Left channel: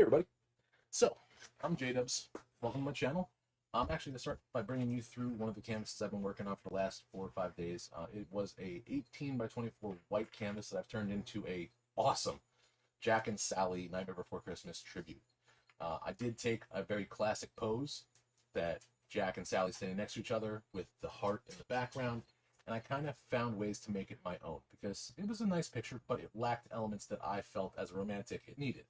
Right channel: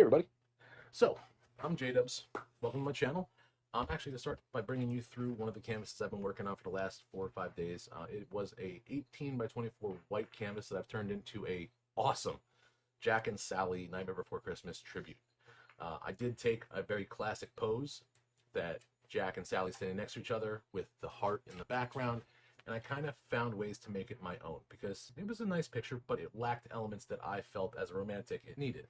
Hey everybody. So, I'm Jdubs. Welcome to my channel. I'm actually going to start by bringing you through one of the canvases I've been working on for the last 4 or 5 days. It was a 18 by 24 white canvas that I've turned into a awesome Jack and Sally Nightmare Before Christmas tribute. I did take a very classic pose that Jack and Sally standing next to each other with the heart in the background, and I kind of found ways to make it my own because it was a nice picture, but it lacked elements that I felt as a romantic it needed.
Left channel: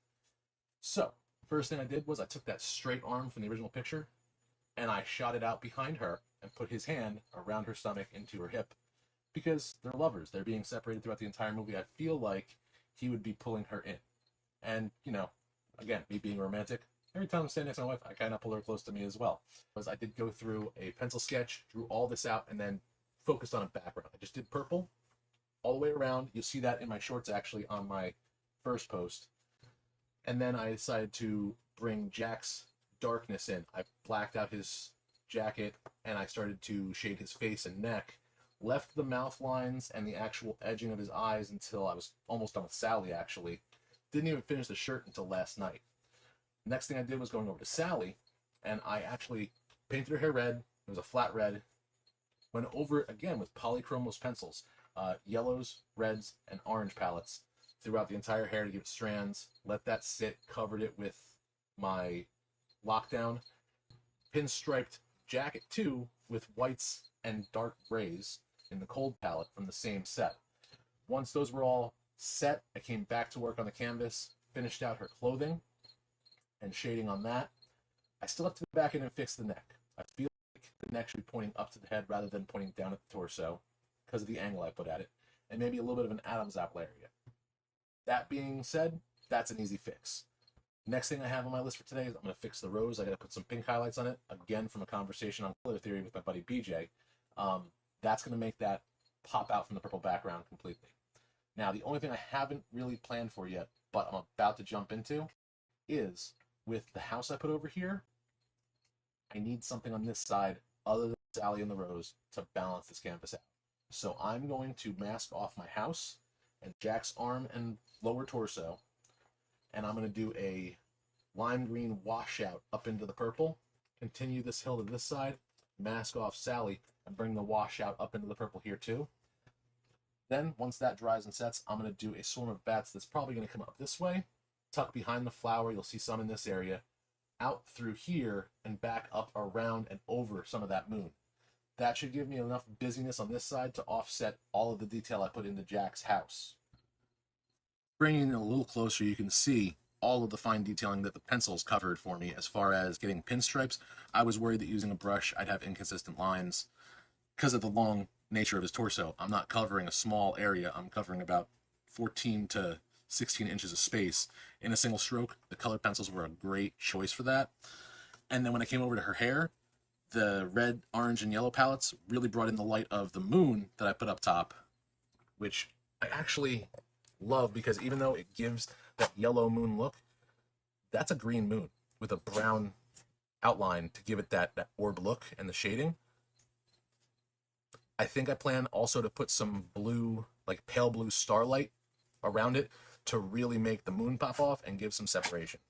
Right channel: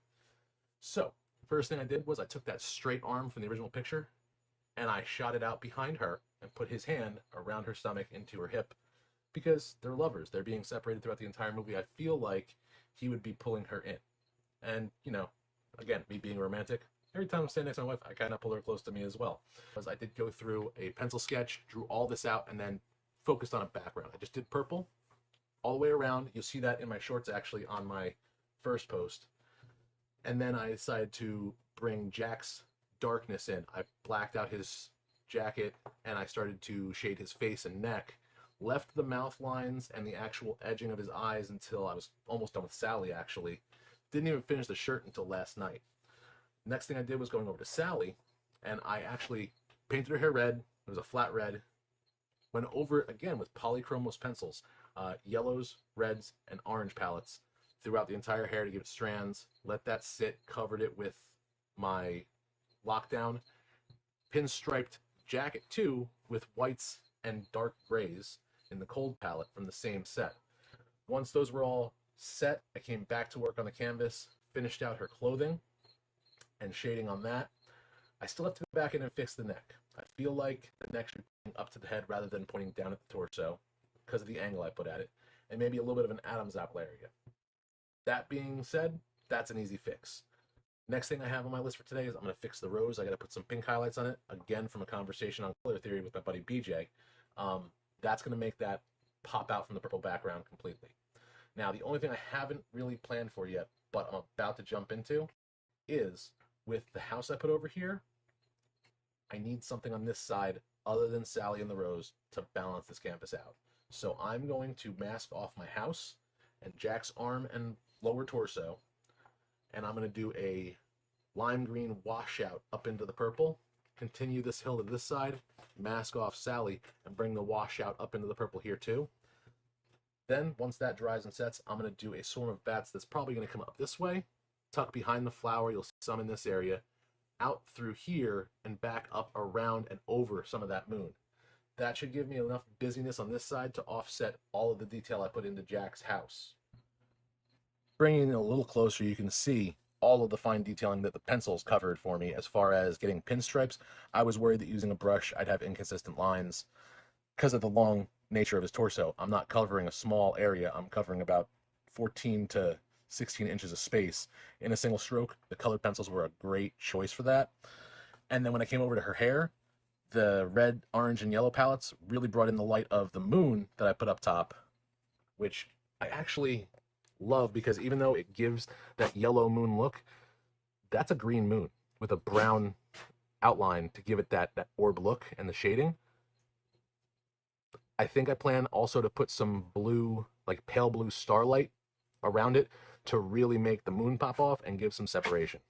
So, first thing I did was I took that straight arm from the original picture and I shot it out behind her and put his hand around her stomach into her hip because they're lovers. They're being separated throughout the entire movie. I feel like he would be pulling her in. And, again, me being romantic, every time I'm standing next to my wife, I kind of pull her close to me as well. Because I did go through a pencil sketch, drew all this out, and then focused on a background. I just did purple all the way around. You'll see that in my shorts actually on my first post. And then I decided to bring Jack's darkness in. I blacked out his jacket and I started to shade his face and neck, left the mouth lines and the actual edging of his eyes until I was almost done with Sally actually. Didn't even finish the shirt until last night. Next thing I did was going over to Sally and I actually painted her hair red. It was a flat red. Went over it again with polychromos pencils, yellows, reds, and orange palettes throughout the entire hair to give it strands, let that sit, covered it with my lockdown, pinstriped jacket too with whites and dark grays in the cold palette from the same set. Once those were all set, I came back to work on the canvas, finished out her clothing and shading on that. I still have to go back in and fix the neck. I feel like the neck should be pointing up to the head rather than pointing down at the torso because of the angle I put at it, and maybe a little bit of an Adam's apple area. That being said, that's an easy fix. Next thing I have on my list for today is I'm going to fix the rose. I got to put some pink highlights on it, again from a conversation on color theory with my buddy BJ. That's going to make that pop out from the purple background completely. Now, the only thing I haven't really planned for yet, but I'm about to jump into, is with the house I put over here, I need something on this side other than Sally and the rose to balance this canvas out. So I'm going to mask off my house and Jack's arm and lower torso, and I'm going to do a lime green washout up into the purple, continue this hill to this side, mask off Sally, and bring the washout up into the purple here too. Then, once that dries and sets, I'm going to do a swarm of bats that's probably going to come up this way, tuck behind the flower, you'll see some in this area, out through here, and back up around and over some of that moon. That should give me enough busyness on this side to offset all of the detail I put into Jack's house. Bringing it a little closer, you can see all of the fine detailing that the pencils covered for me as far as getting pinstripes. I was worried that using a brush I'd have inconsistent lines because of the long nature of his torso. I'm not covering a small area. I'm covering about 14 to 16 inches of space in a single stroke. The colored pencils were a great choice for that. And then when I came over to her hair, the red, orange, and yellow palettes really brought in the light of the moon that I put up top, which I actually love because even though it gives that yellow moon look, that's a green moon with a brown outline to give it that orb look and the shading. I think I plan also to put some blue, like pale blue starlight around it to really make the moon pop off and give some separation.